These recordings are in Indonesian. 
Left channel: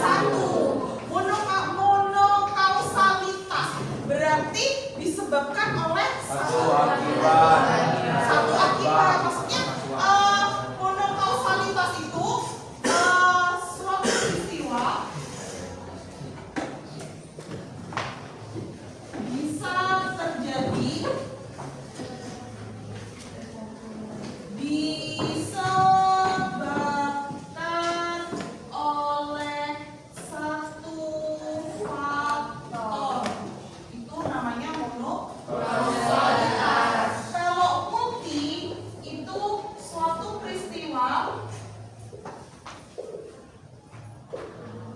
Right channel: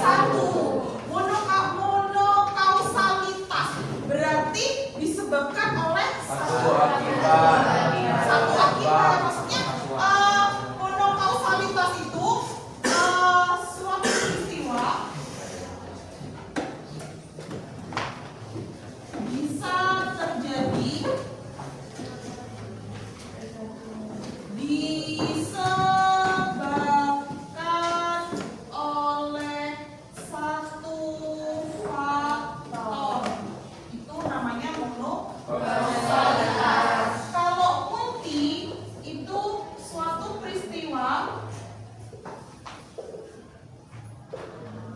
Satu. Monokausalitas berarti disebabkan oleh satu akibat. Maksudnya monokausalitas itu suatu peristiwa bisa terjadi disebabkan oleh satu faktor. Itu namanya monokausalitas. Kalau multi itu suatu peristiwa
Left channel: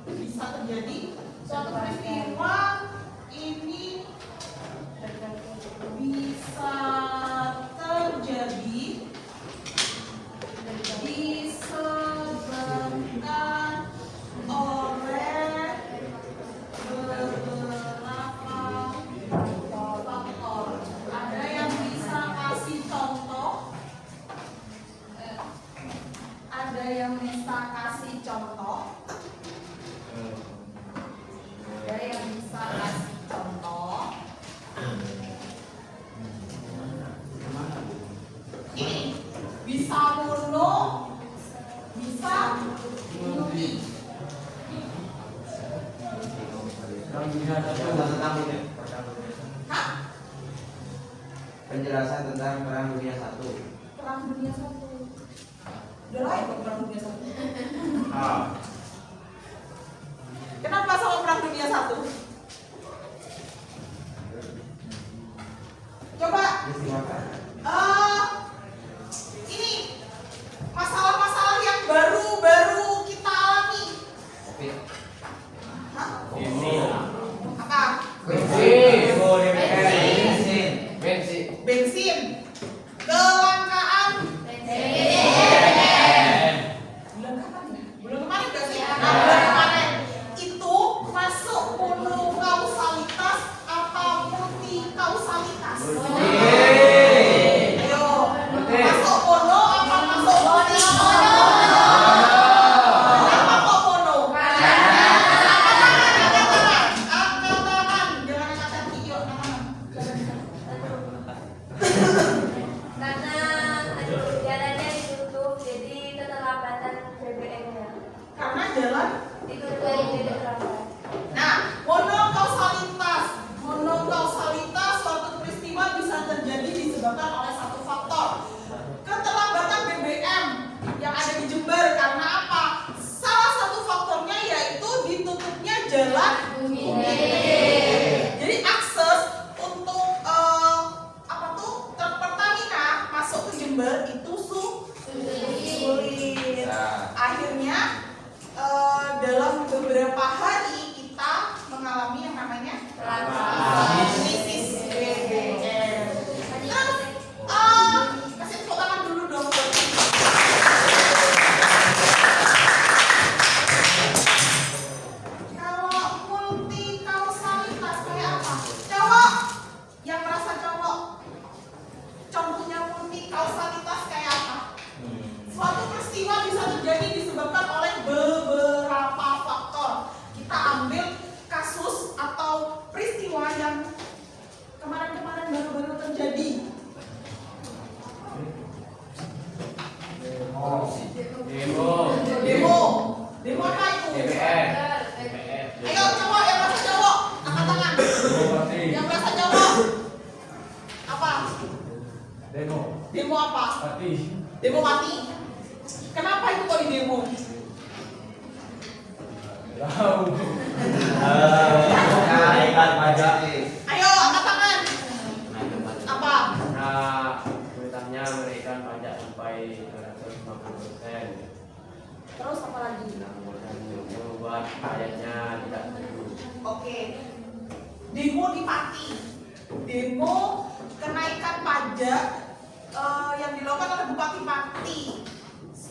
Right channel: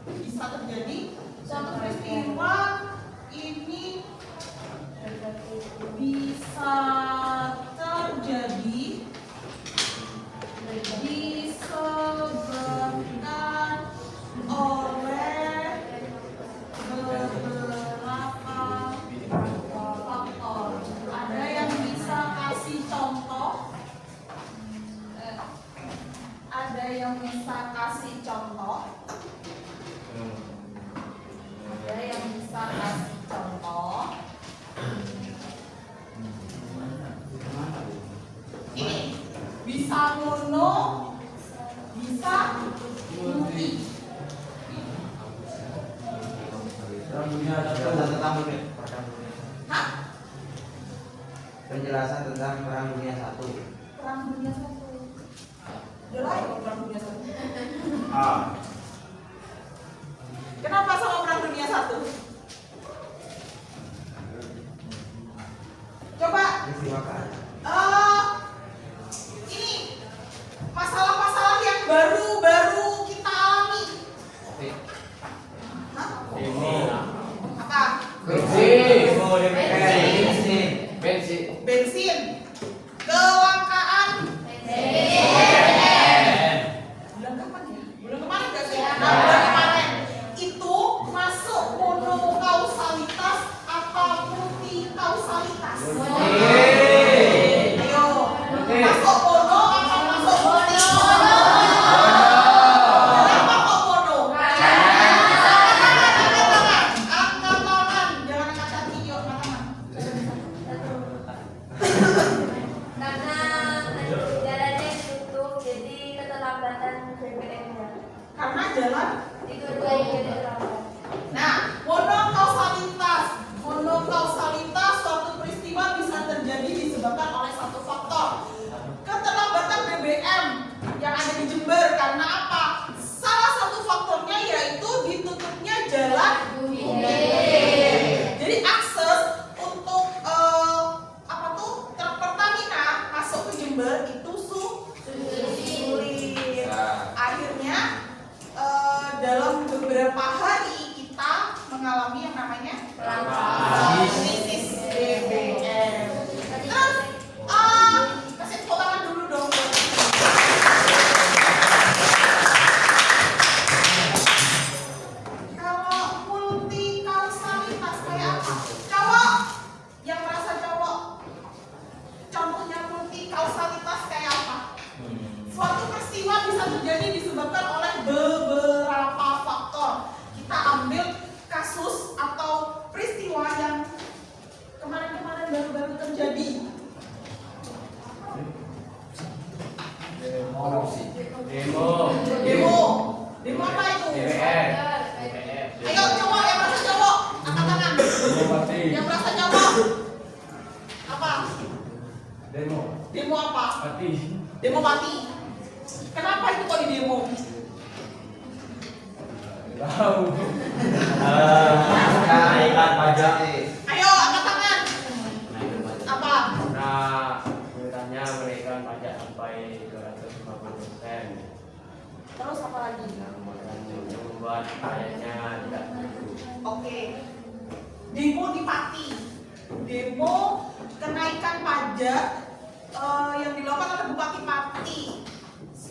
bisa terjadi suatu peristiwa ini bisa terjadi disebabkan oleh beberapa faktor. Ada yang bisa kasih contoh? Ada yang bisa kasih contoh? Ada yang bisa kasih contoh? Ini bisa mono, bisa multi. Hah? Penjelasan tentang Perang Dunia I. Perang Dunia I. Udah lain kok Perang Dunia I. Kenapa sama Perang Dunia I? Coba. Ini masalah-masalah yang baru-baru kita alami. Hah? Apa? Bensin. Kelangkaan. Bulan kapan ya? Bulan kemarin gak sih? Bulan kemarin. Itu masuk monokausalitas apa multikausalitas? Ayo. Masuk mono apa masuk multi? Kenapa kok mono? Angkat tangan. Jangan angkat kaki, yuk, angkat tangan. Karena jalannya ditutup, jadi keterlambatan BBM-nya. Karena jalan Ditutup jadi terlambat. Nah, monokausalitas suatu peristiwa bisa terjadi disebabkan oleh satu faktor. Keterlambatan BBM yang ada di Jember karena apa? Salah satu faktornya yaitu ditutupnya jalan Bumi. Jadi akses untuk truk Pertamina masuk ke Jember itu sulit. Akhirnya dalam beberapa hari kita mengalami yang namanya krisis BBM. Terus kasih tepuk tangan dulu dong. Kalau multikausalitas kayak apa? Cowok yang merasa cowok, contohnya multikausalitas kayak apa? Suatu peristiwa bisa terjadi disebabkan oleh beberapa faktor. Kita ambil kasus atau peristiwa yang kemarin-kemarin baru-baru terjadi. Demo apa itu? Ayo cowok yang merasa cowok, angkat tangan. Yang merasa cowok apa? Demo apa? Demo mati. Kenapa itu kok di demo? Kenaikan pajak. Ayo angkat tangan. Apa? Pemerintahnya menaikkan pajak sampai 250%. Terus apa lagi? Yang membuat pajaknya tidak perlu. Oke. Demo di Pati. Demo kenaikan pajak yang dilakukan oleh Bupati Pati 250%.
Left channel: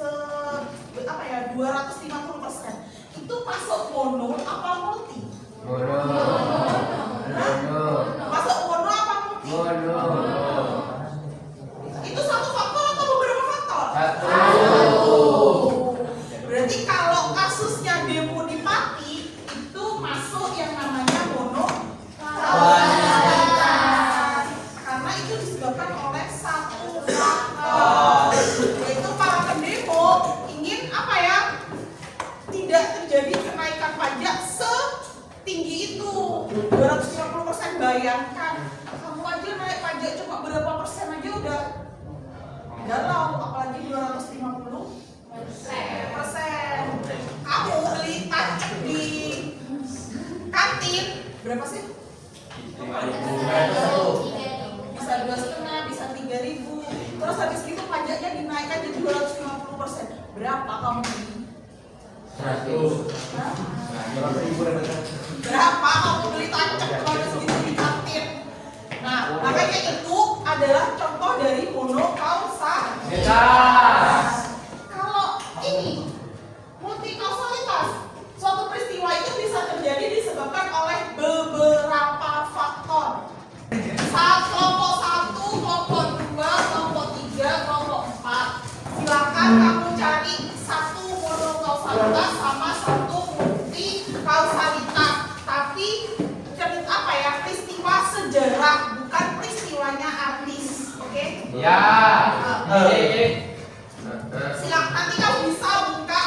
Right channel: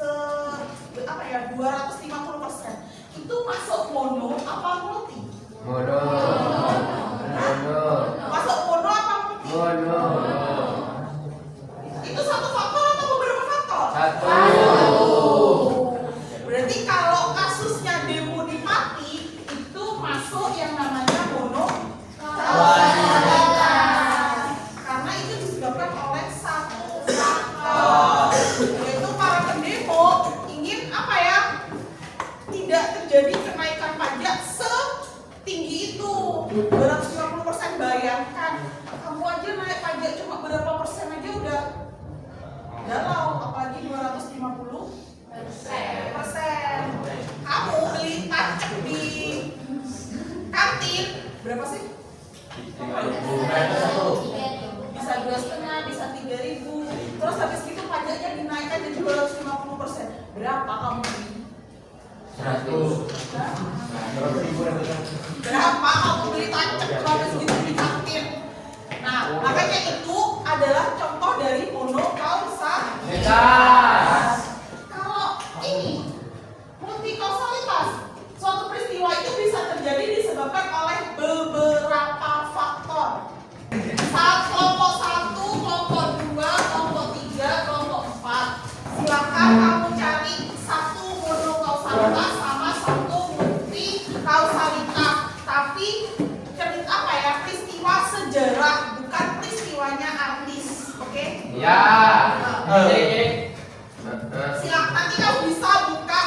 Itu masuk mono apa multi? Masuk mono apa multi? Itu satu faktor atau beberapa faktor? Satu. Berarti kalau kasus terjadi kenaikan pajak setinggi itu 250%. Bayangkan kamu aja naik pajak cuma berapa persen aja udah galau, apalagi 250%. Kamu beli tacek di kantin berapa sih? Bisa 2,5, bisa 3.000. Terus habis gitu pajaknya dinaikkan jadi 250%. Berapa kamu beli? 100. Hah? 100.000 dapat. Berapa kamu beli tacek habis gitu di kantin? Nah, makanya itu adalah contoh dari monokausalitas. Kalau ini multikausalitas, suatu peristiwa itu bisa terjadi disebabkan oleh beberapa faktor. Kelompok 1, kelompok 2, kelompok 3, kelompok 4. Silakan kamu cari satu monokausalitas sama satu multikausalitas. Tapi peristiwa sejarah, bukan peristiwanya artis. Oke? Ya. Silakan nanti kamu bisa buka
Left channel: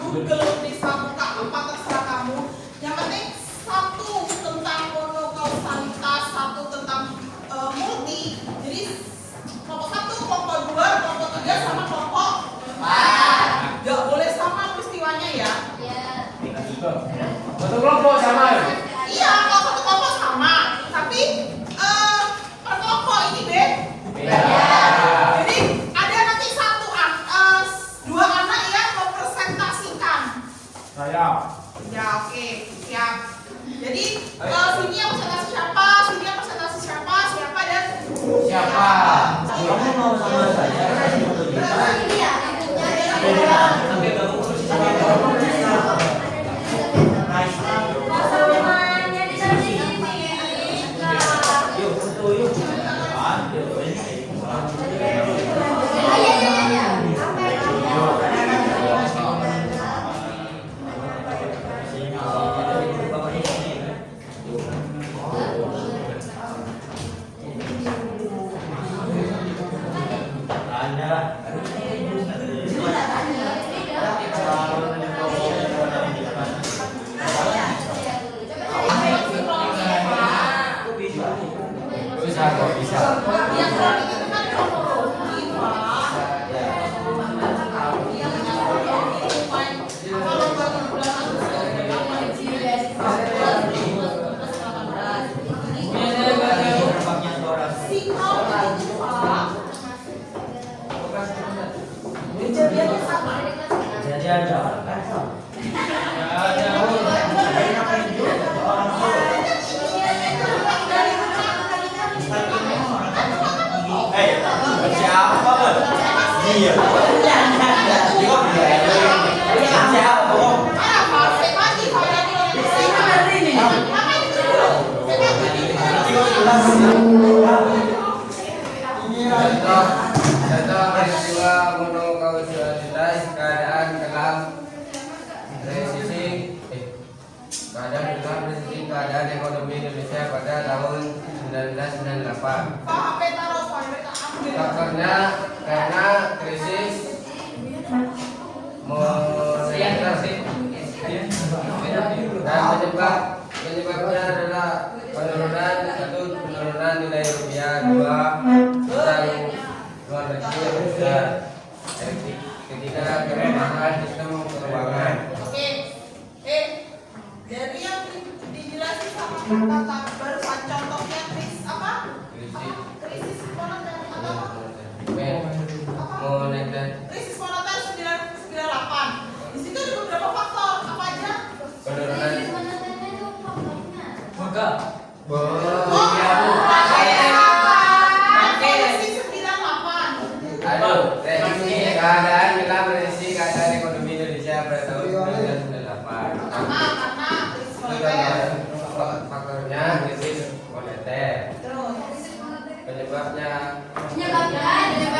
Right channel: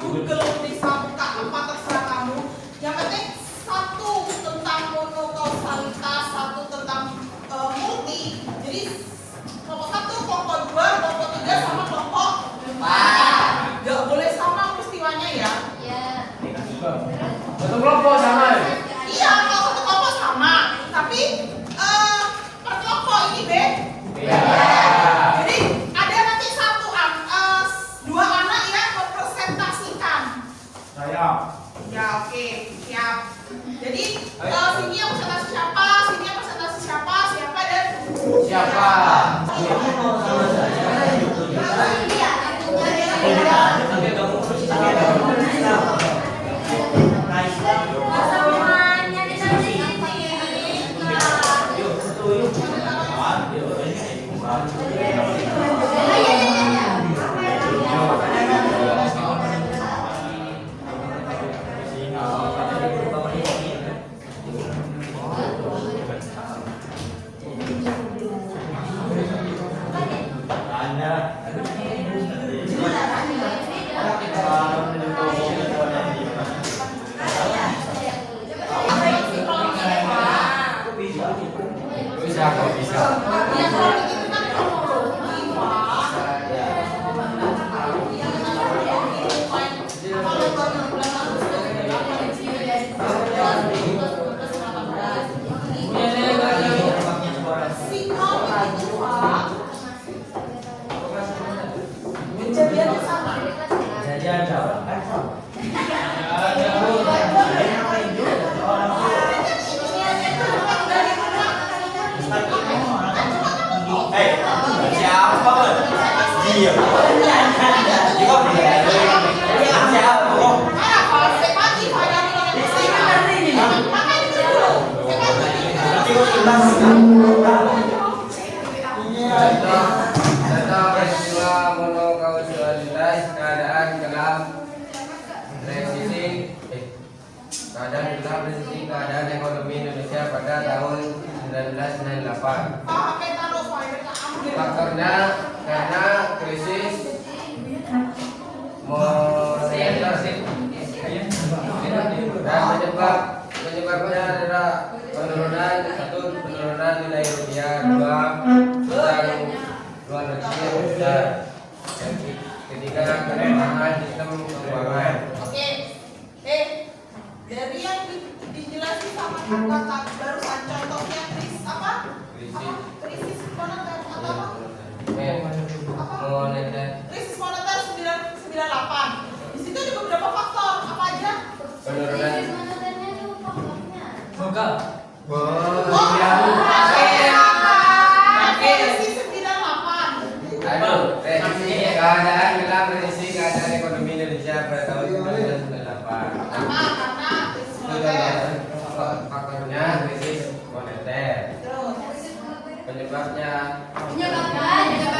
Google, bisa buka apa terserah kamu. Yang penting satu tentang monokausalitas, satu tentang multi. Jadi kelompok 1, kelompok 2, kelompok 3 sama kelompok 4. Gak boleh sama peristiwanya ya. Satu kelompok sama. Iya, kalau satu kelompok sama, tapi per kelompok ini beda. Jadi ada nanti dua anak yang mempresentasikan. Saya. Ya oke, siap. Jadi sini yang presentasi siapa, sini yang presentasi siapa, siapa dan Siapa? Kamu mau sama saya? Bisa kok, bisa. yang kronik itu kan kronologi, Pak. Kalau baru bulan Agustus sinkron itu Pak. Kejadiannya sama. Jadi ada. Siapa? Dia. Contoh peristiwa monokausalitas keadaan gelap resesi keadaan ekonomi Indonesia pada tahun 1998. Faktornya karena krisis moneter dan penyebabnya adalah penurunan nilai rupiah, 2 utang luar negeri yang besar, dan ketiga kelemahan sistem keuangan. Oke, dari yang dijelasin sama kata barusan contohnya krisis moneter atau apa? Moneter. Krisis moneter 998. Di situ ada beberapa faktor, apa aja? Penurunan. Krisis 98. Aduh, keadaan gelap resesi keadaan ekonomi Indonesia pada tahun 1998. Karena krisis moneter. Faktornya krisis moneter. Terus Penyebabnya ya, Menyebabkan yang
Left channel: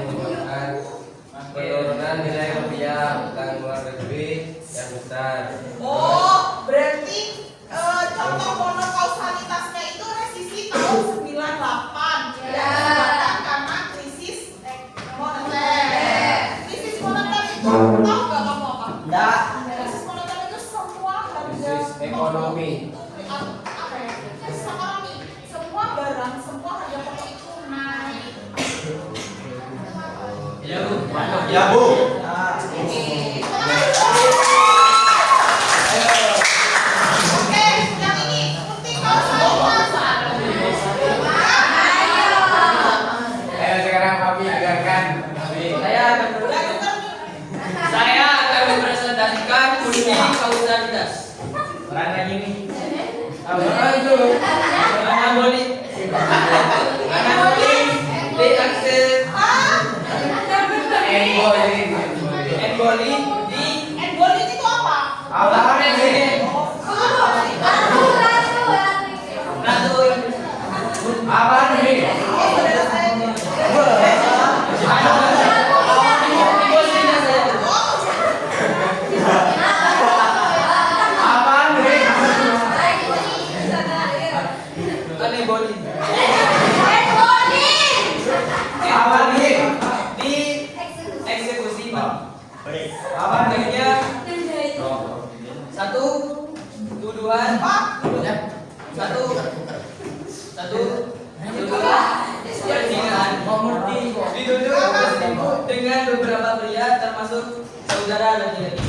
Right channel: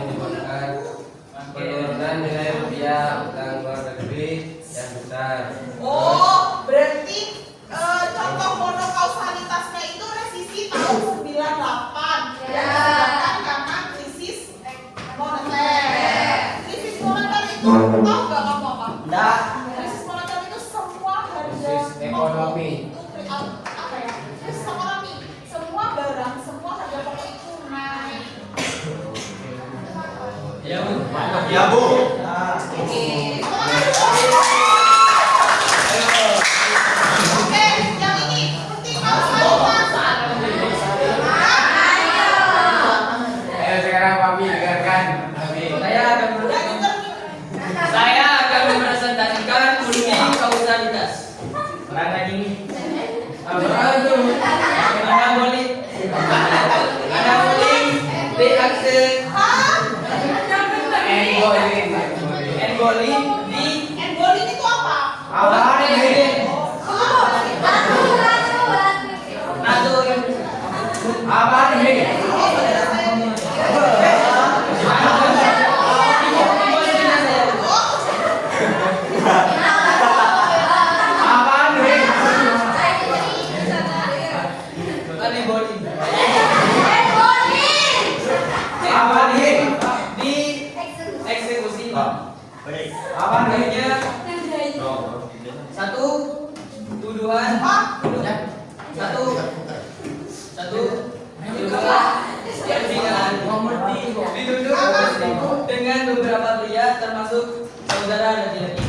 menyebabkan penurunan nilai rupiah, utang luar negeri yang besar. oh, berarti contoh monokausalitasnya itu resisi tahun 98. Ya. Disebabkan karena krisis moneter. Krisis moneter itu tahu nggak kamu apa? Enggak. ekonomi. Apa ya? Ekonomi. Semua barang, semua harga pokok itu naik. Iya Bu. Iya Bu. Oke, yang ini penting banget. Ayo sekarang Papi dengarkan. Papi. Saya akan mempresentasikan kunci kausalitas. Orang aja ini. Apa itu? Anabolik. Anabolik reaction Embolik. embolic di Embolik itu apa? Apaan ini? nato Apaan ini? Apaan ini? anabolik Apaan ini? di eksekusi. Apaan ini? Artinya satu tuduhan satu tuduhan persidangan dituduh dengan beberapa pria termasuk saudara laki-laki.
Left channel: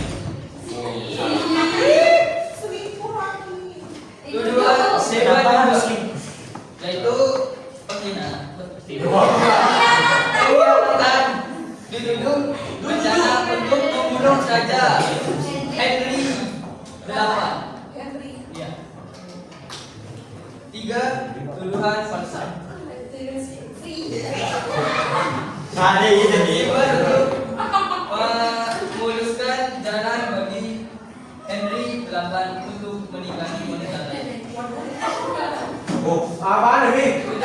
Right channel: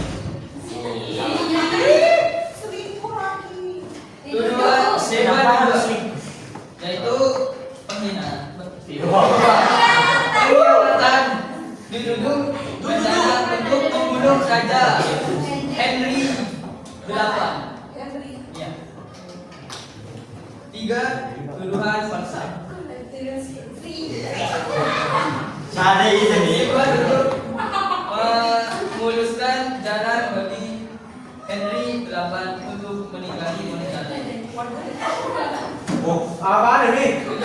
Selingkuh lagi. Tuduhan kedua yaitu penghinaan. Pengkhianatan dituduh berencana untuk membunuh Raja Henry VIII. Ya. 3. Tuduhan paksa. Ada ini nih. 2. Tuduh memuluskan jalan bagi Henry VIII untuk menikahi wanita lain. Oh, apaan ini? 3.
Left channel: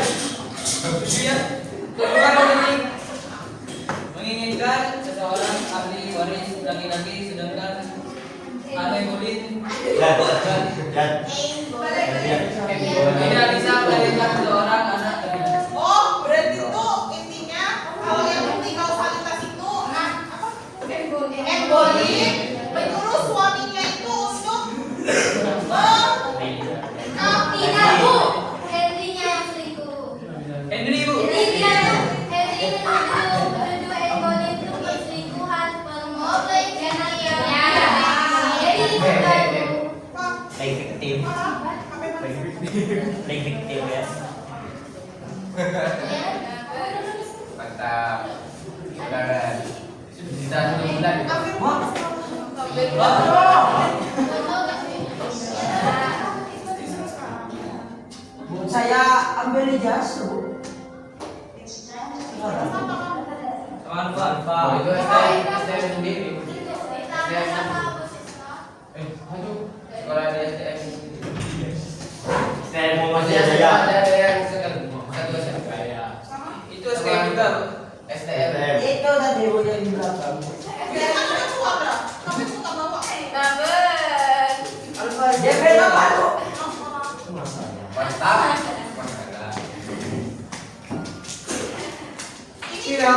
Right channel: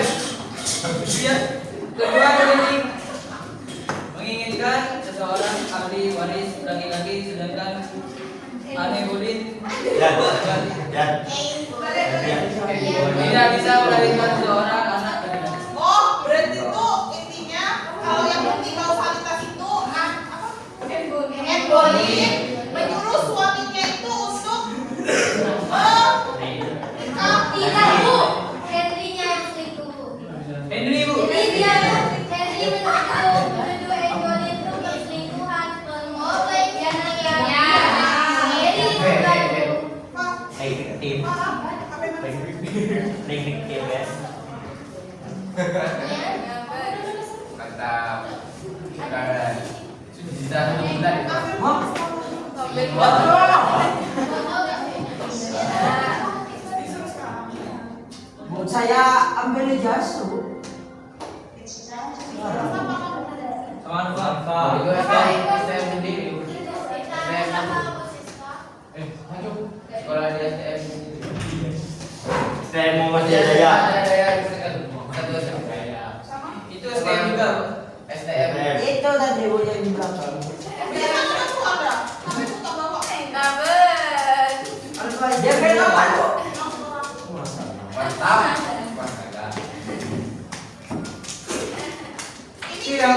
Kedua menginginkan seseorang ahli waris laki-laki sedangkan anabolik tidak bisa melahirkan seorang anak laki-laki. Oh, berarti itu intinya kalau yang penting kausalitas itu apa? Embolik menyuruh suaminya itu untuk Henry Bu. Victim. Victim ya. Mantap. Sekarang sudah bulan. Saya ambil ijazah, Bu. Sama dua. Oh, itu STM sendiri. Sekolah di STM. Saya mau Masih masih saya. ada yang satu Itu STM juga Bu. STM. Itu tadi Bu yang di belakang. biasanya itu ada. Tapi itu tak bawa. Dia beda apa, Bu? Mantap. Ini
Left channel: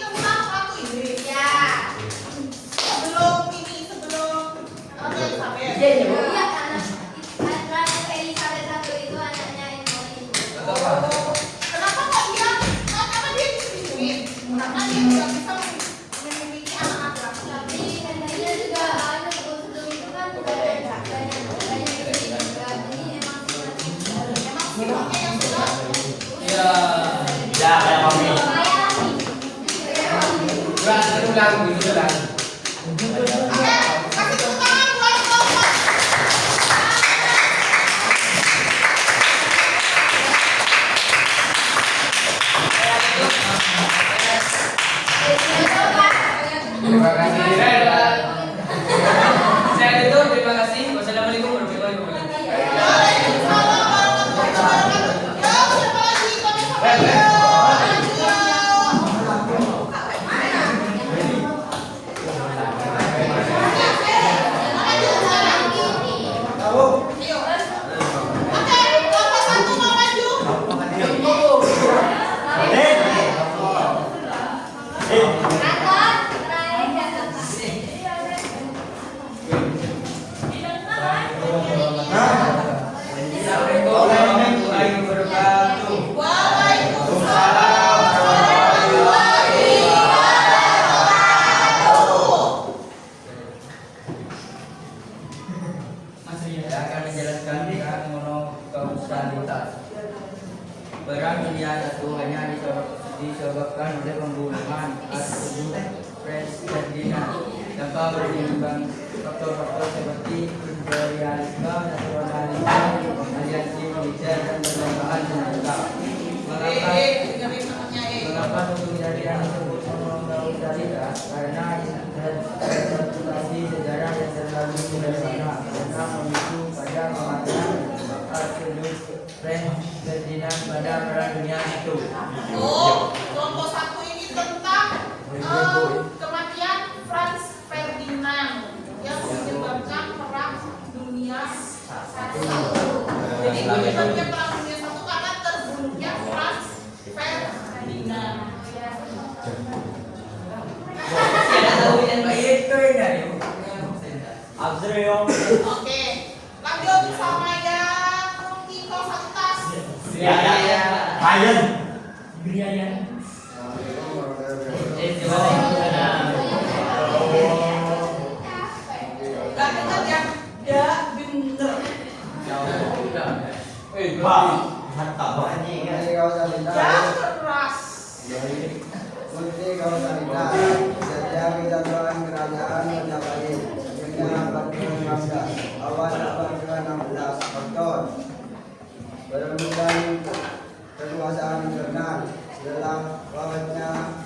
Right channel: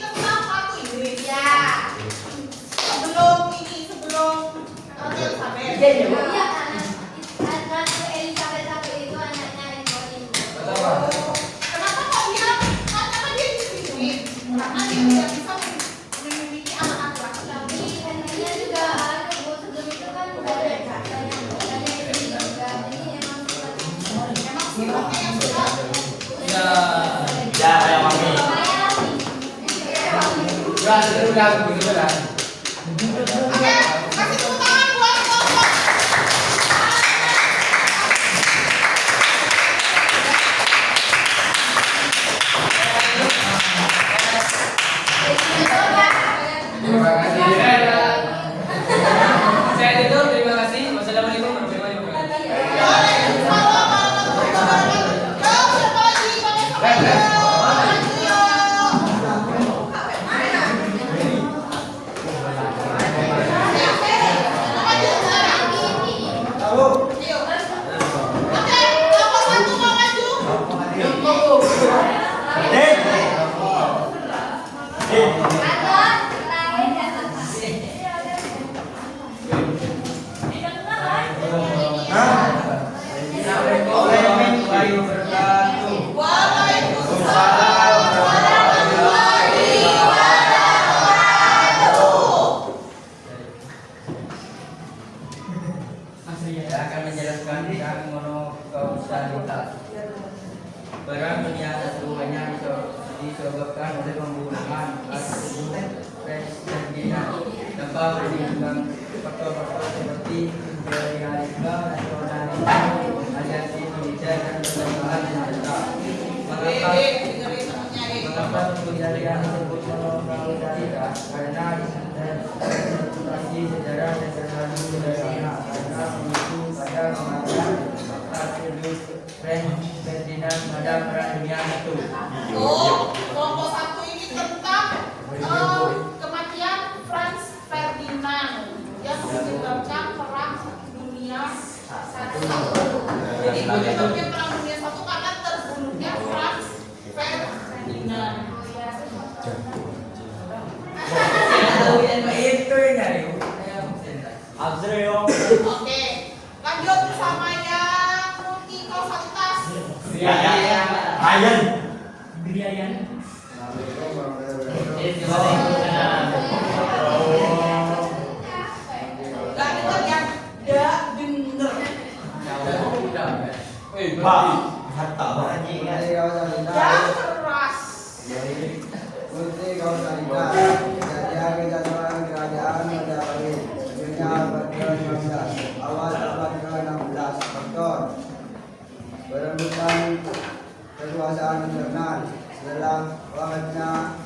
tentang satu Inggris. Sebelum Ratu Elizabeth. Iya, iya, Bu. Kenapa kok dia? Karena dia diselingkuhin. Karena dia tidak bisa memiliki anak laki-laki. Emang sifatnya yang sudah Ya. Ya, kayak mami. Ulang dulu lah. Oke, kasih tepuk tangan buat Bapak. Terima kasih. Saya itu terima kasih. Wassalamualaikum warahmatullahi wabarakatuh. Siapa lagi? Pada sampai Saya akan menjelaskan tentang monokausalitas. Perang Dunia I hanya disebabkan oleh pembunuhan atau Ferdinand tanpa pertimbangan faktor-faktor seperti imperialisme, nasionalisme, aliansi militer dan perlombaan senjata. Mengapa penjadian disebut monokausalitas? Karena interpretasi sejarah yang terlalu sederhana karena memicu pada kematian Archduke Franz Ferdinand pada Perang Dunia I. Kelompok 1 ini tentang kematian Franz Ferdinand yang menyebabkan Perang Dunia I. Jadi menyebabkan Perang Dunia I karena terbunuhnya Franz Ferdinand. Oke, lanjut sama yang multikausalitas. Gak dengar ya? Ya bener. Ya keras. Multikausalitas terjadi kejatuhan kerajaan Majapahit dunia abad ke-15 awal abad ke-16. Faktor perebutan kekuasaan internal dalam wajahnya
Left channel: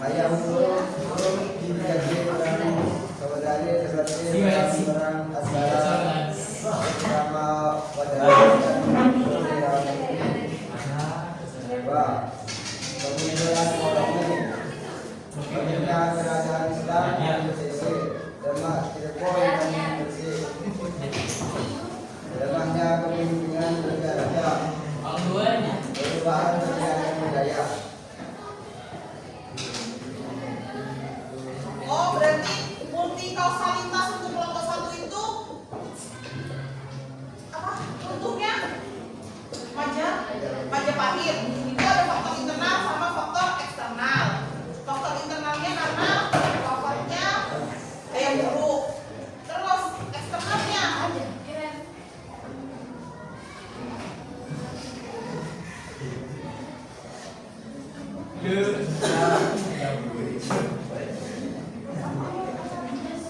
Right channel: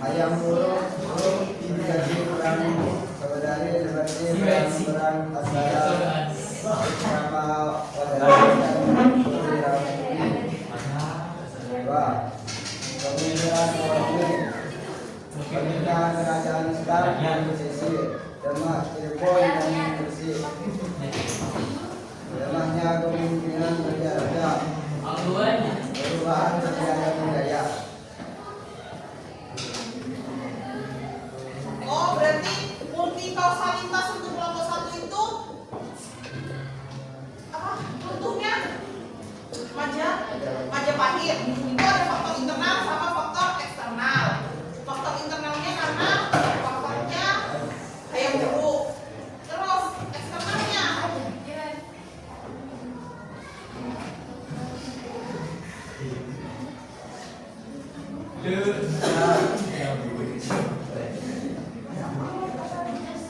ayam burung terjadi perang saudari seperti perang antara beberapa wadana dan beberapa kemunculan polemik pemerintahan kerajaan Islam yang bersisih Demak, Cirebon dan Gresik. Lemahnya kepemimpinan raja-raja, perubahan kebijakan budaya. Oh, berarti multikausalitas untuk kelompok 1 itu apa? Untuknya Majapahit. Itu ada faktor internal sama faktor eksternal. Faktor internalnya karena faktornya ayam buruk. Terus eksternalnya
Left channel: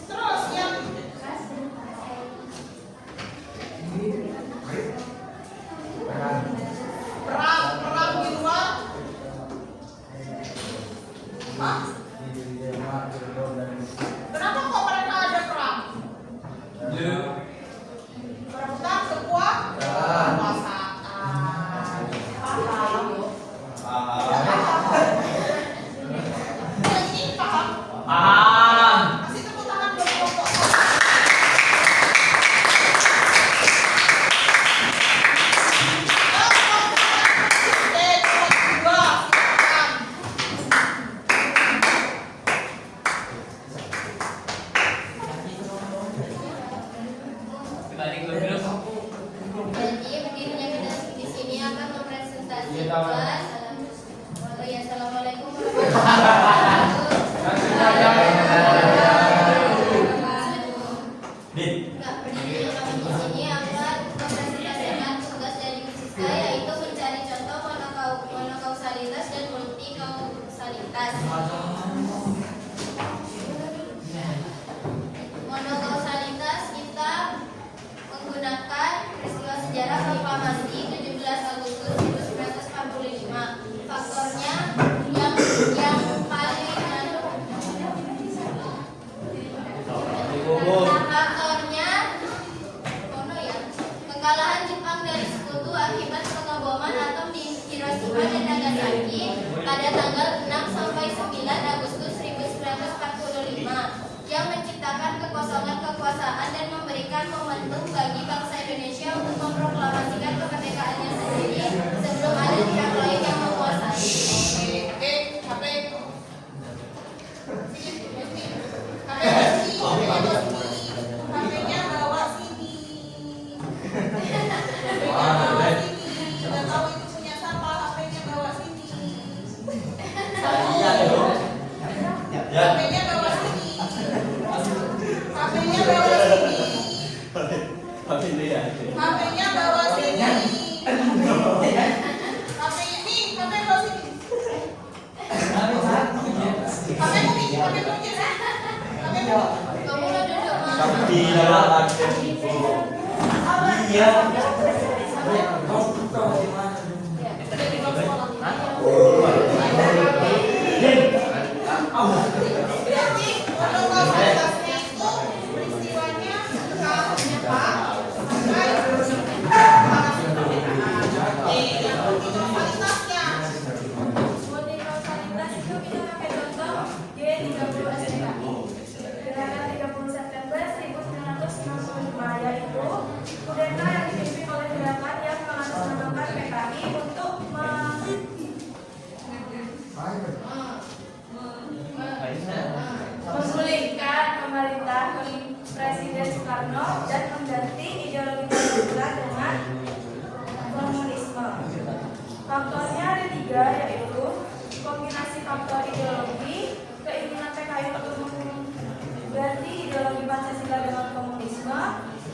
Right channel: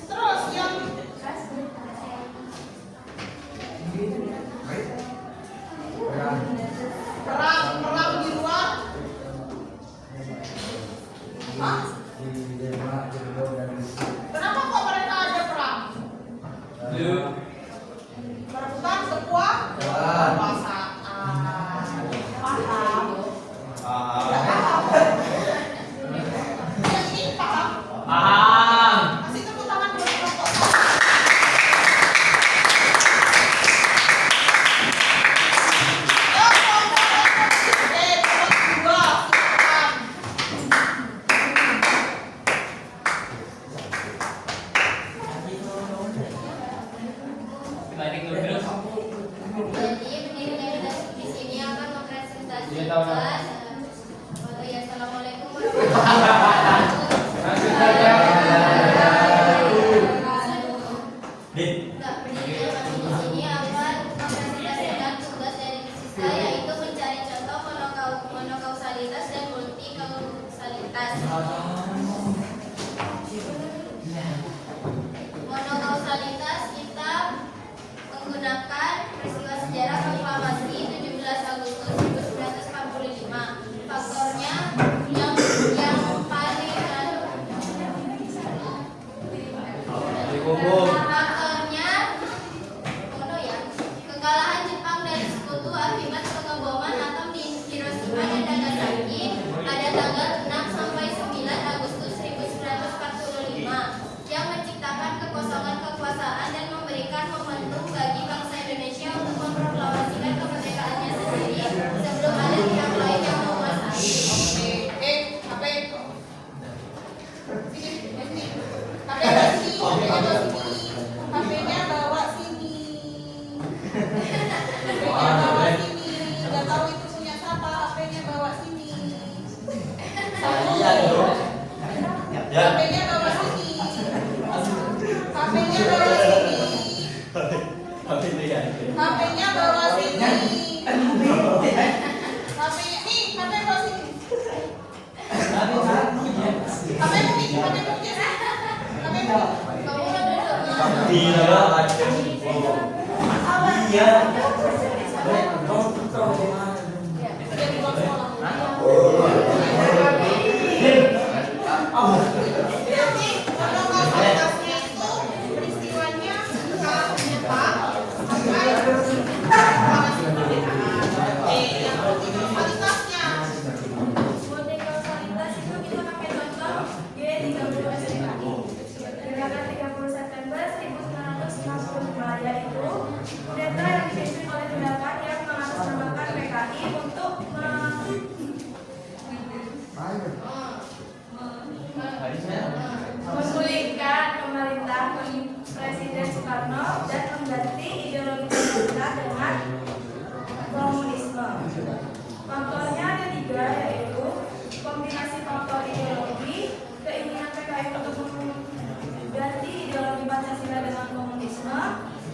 terus yang perang di luar. Hah? Kenapa kok mereka ada perang? Berebutan kekuasaan. Paham? Yang ini paham? Kasih tepuk tangan buat kelompok 1. Jadi berdirinya kita di sini akan mempresentasikan. Oh ya, assalamualaikum warahmatullahi wabarakatuh. Nah, berdirinya kami di sini akan mempresentasikan tugas dari Fisika, yaitu mencari contoh monokausalitas dan multikausalitas. Monokausalitas kita menggunakan peristiwa sejarah proklamasi 17 Agustus 1945. Faktornya yang paling faktornya kekalahan Jepang dari sekutu akibat pengeboman atom di Hiroshima dan Nagasaki pada tanggal 6 sampai 9 Agustus 1945 yang menciptakan kekosongan kekuasaan dan memberikan momentum bagi bangsa Indonesia untuk memproklamasikan kemerdekaannya sendiri sebelum ada pihak lain yang menguasai. HP-nya bawa sini. Gak tahu itu punya siapa, HP-nya bawa sini. HP-nya bawa sini. HP-nya bawa sini. HP-nya bawa sini. HP-nya nih, HP bawa sini. HP-mu nih, HP-mu aja. HP-mu. Kamu udah duduk, Ma. Iya. Berarti monokausalitasnya itu peristiwanya kapan, Oke, yang multikausalitasnya. Multikausalitas itu kita pakai contoh G30 SPKI. Gerakan 30 September 1965 yaitu kudeta yang dipimpin oleh gerakan yang mengatasnamakan PKI untuk menggulingkan pemerintah Presiden Soekarno dan mengganti ideologi Pancasila dengan komunisme. Faktornya ada 3, yaitu kombinasi faktor ideologi, keinginan PKI untuk mengganti ideologi Pancasila dengan komunisme,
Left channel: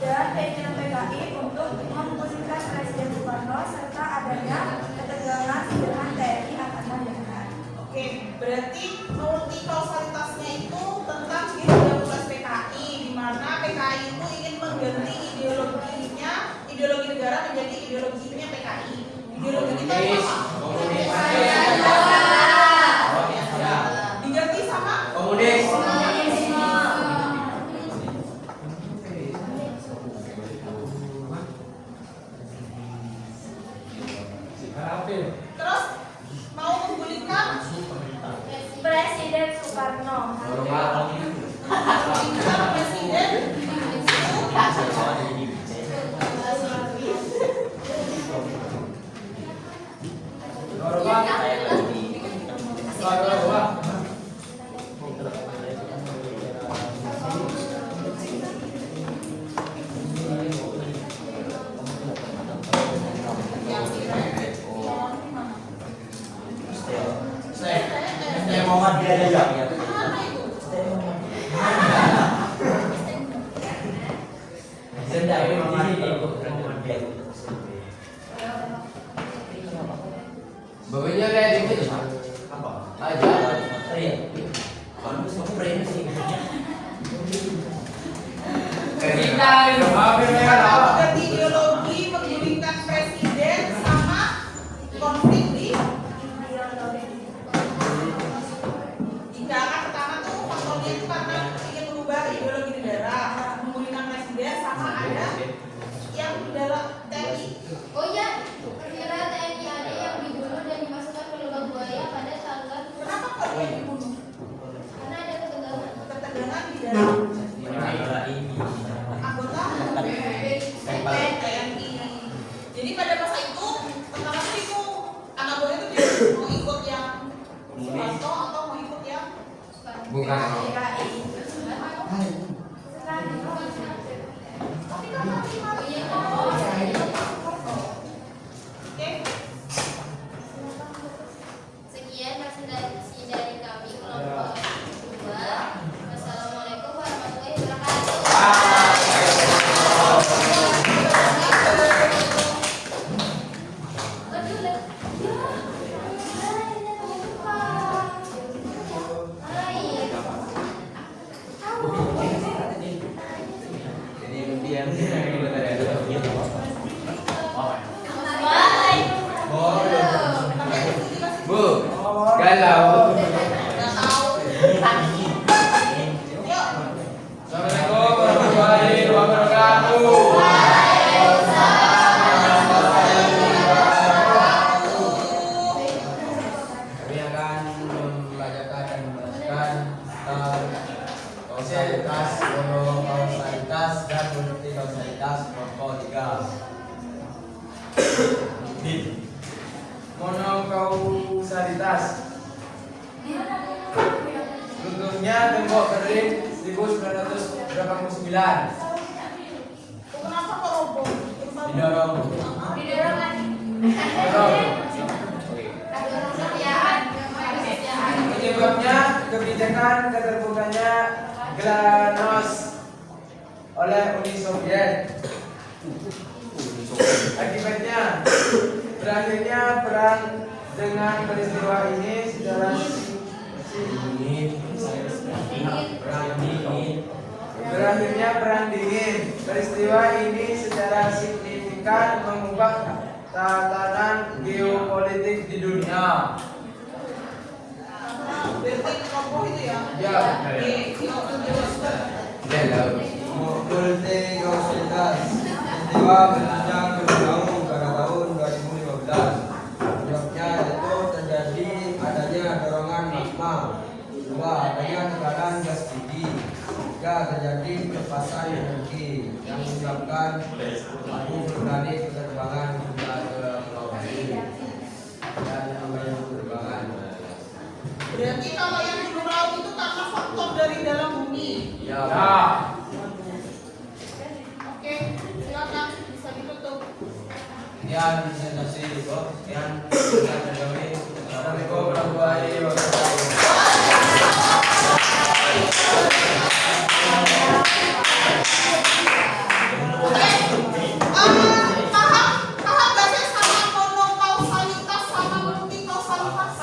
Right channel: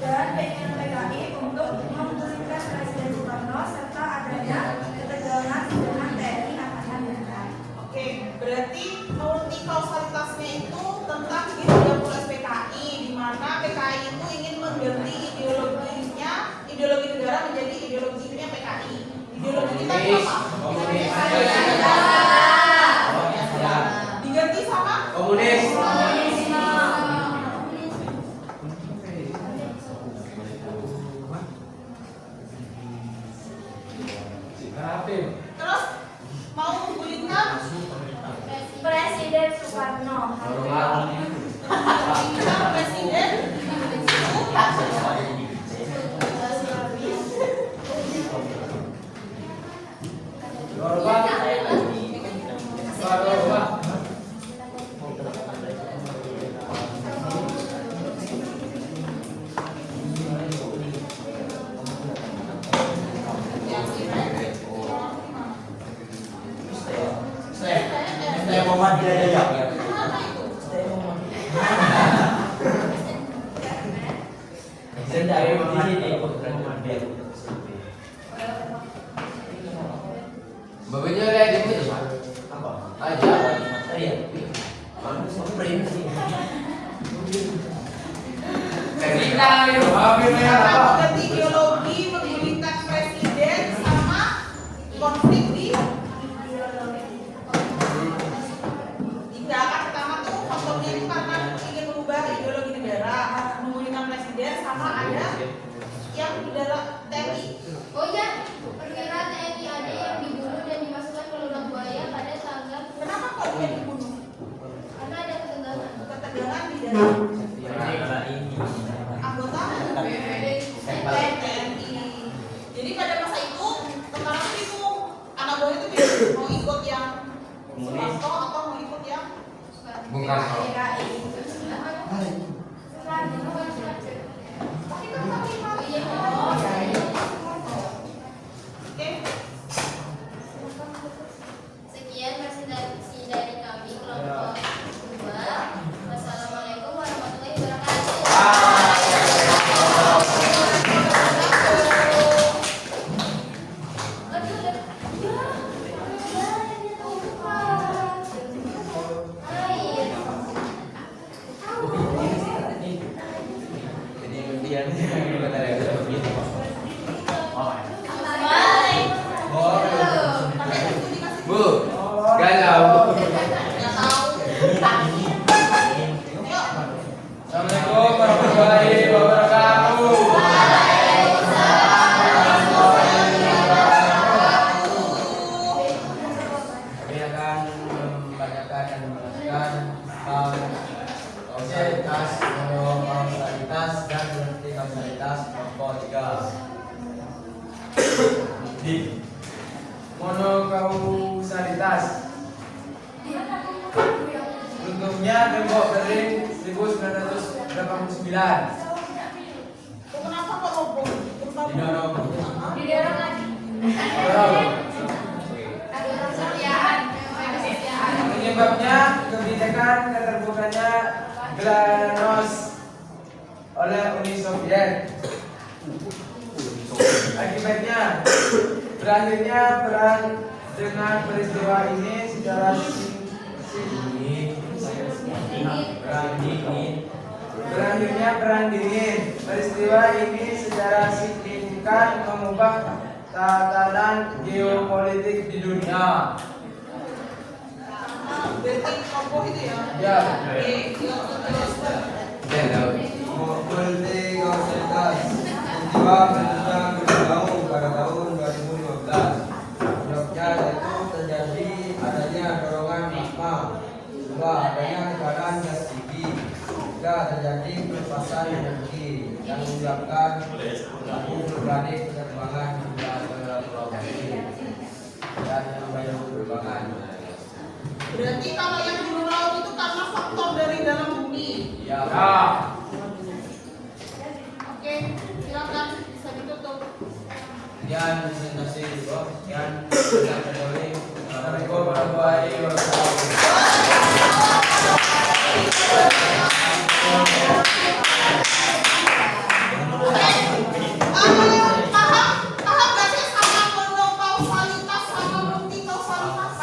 dan keinginan PKI untuk menggulingkan Presiden Soekarno serta adanya ketegangan dengan TNI Angkatan Darat. Oke, berarti multikausalitasnya itu tentang G30 PKI, di mana PKI itu ingin mengganti ideologinya, ideologi negara menjadi ideologinya PKI. Ideologi kita apa? Diganti sama Komunis. terus mau menggulingkan Presiden Soekarno. menggulingkan presiden. Mana itu? Bawanya lihat di apa? Aja. Ketika itu hampir Ganti ideologi, menggulingkan presiden sama konflik di gerakan pertama tuh faktornya itu karena ingin merubah ideologi negara, menggulingkan presiden sama ada yang dalam TNI. Oh iya, perwira TNI ada yang dibunuh dan dimasukkan ke lubang buaya pada tanggal. Kenapa kok dia dibunuh? Karena ada ketegangan. Ketegangan di dalam anggota TNI. Jadi pada masa itu tentara itu anak buah itu pilih mau ikut yang Soeharto atau mau ikut yang bukan. tapi kan tapi Oke. Sekian presentasi dari kami kelompok 2. Wassalamualaikum warahmatullahi wabarakatuh. Jadi kemudian bentar ya. Bu, galau. Assalamualaikum warahmatullahi wabarakatuh. Kami akan membacakan dan menjelaskan tentang kausalitas, monokausalitas, dan multikausalitas kelompok 3. Monokausalitas. Bentuknya gembok berdiri 1989. Kenapa kok roboh? Didorong. Penyebabnya kebijakan keterbukaannya glasnost oleh Uni Soviet. Berakhirnya perang dengan peristiwa ini secara Berakhirnya perang dingin. Peristiwa ini secara signifikan mengubah tatanan geopolitik di dunia. Berarti kompo itu ya? Ya. Multi kausalitas peristiwa berjenjang bertahun pada tahun 2015. Penyebabnya yaitu terjadi adanya dorongan magma, dua adanya tekanan gas tinggi, tiga terjadi pelepasan energi yang menyebabkan abu vulkanik penerbangan hingga ke Pulau Bali dan membayang penerbangan. Berarti kalau yang di laut itu karena faktor dari dalam bumi. Ya. Oke, silakan bisa ditutup. Sekian presentasi Bob. Sekian Assalamualaikum warahmatullahi Paham gak sih sama monokausalitas sama multikausalitas?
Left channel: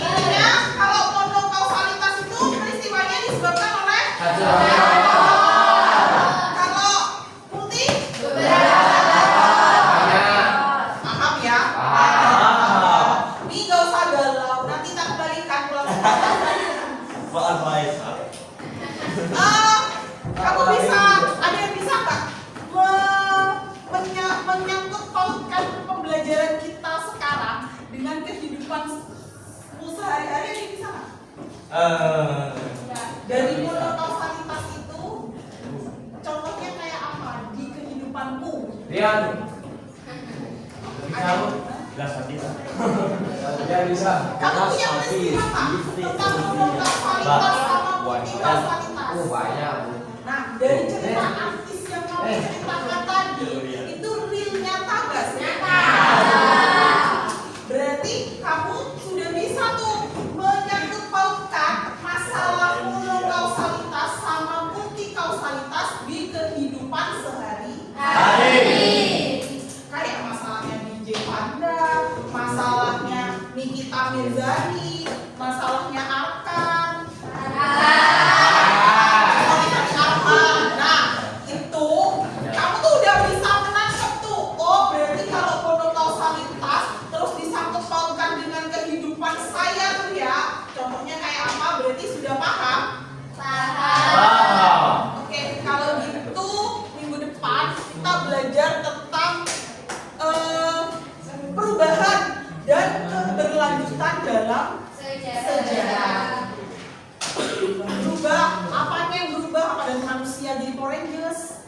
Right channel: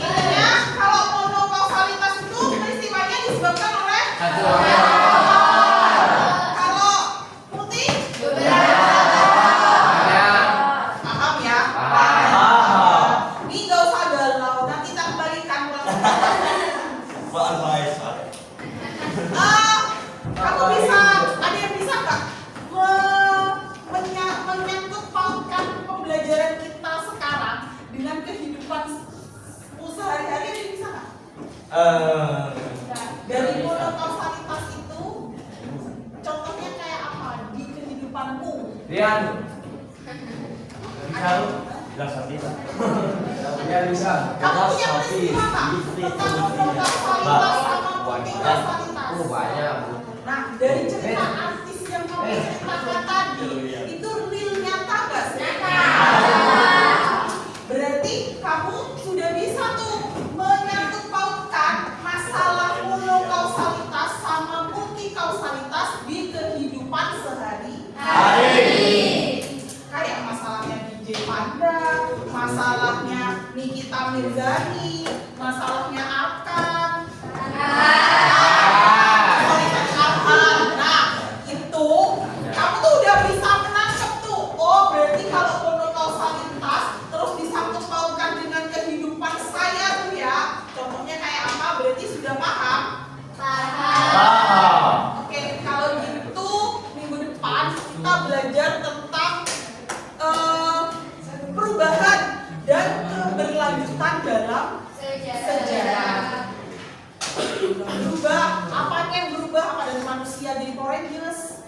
Intinya kalau monokausalitas itu peristiwanya disebabkan oleh kalau multi paham ya? Ini gak usah galau, nanti kita kembalikan ulang. Kamu bisa, ada yang bisa nggak menyangkut pautkan pembelajaran kita sekarang dengan kehidupan sehari-hari, ada yang bisa nggak? Dari monokausalitas itu, contohnya kayak apa di kehidupanmu? Rian. Ada? Ya bisa. Kamu punya peristiwa nggak tentang monokausalitas sama multikausalitas? banyak. Nah, dari cerita artis yang kamu ceritakan tadi, itu real nyata gak sih? Berarti kamu sudah bisa tuh menyangkut pautkan masalah monokausalitas sama multikausalitas di kehidupan sehari-hari. Kayak masalahnya DJ Panda, masalahnya Nikita Mirzani, masalahnya Arkan. Nah, itu kamu tuh udah bisa menangkap tuh. Oh, berarti kalau monokausalitas terus disangkut pautkan dengan kehidupan saya tuh ya. Contohnya kayak apa? Berarti sudah paham? Oke, kalau gitu minggu depan kita belajar tentang perubahan dan keberlanjutan dalam sejarah. Berubah, apanya yang berubah? Apa dari manusia jadi Power Rangers?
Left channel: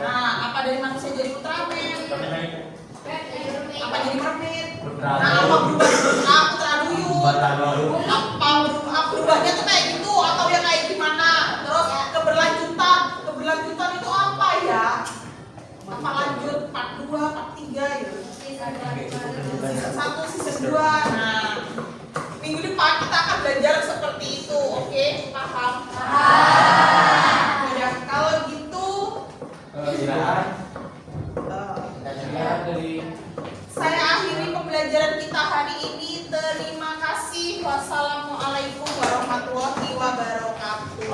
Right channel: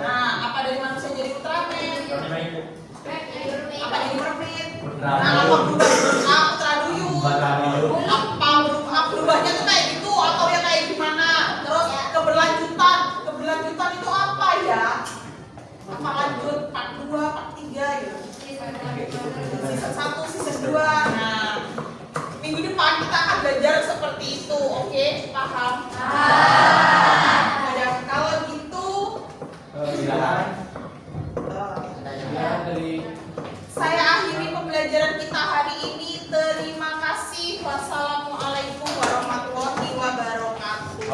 Nah, apa dari manusia jadi Ultraman? Apa jadi mermaid? Nah, apa berubah jadi Putra Duyung? Apa berubahnya tuh kayak gitu atau ya kayak gimana? Terus keberlanjutan itu apa ya? Apa lanjut part 2, part 3 gitu? Season 1, season 2. Nah, minggu depan kita akan belajar seperti itu, oke? Paham? Ya, kalau gitu saya akhiri pembelajaran kita hari ini. Terima kasih. Wassalamualaikum warahmatullahi wabarakatuh.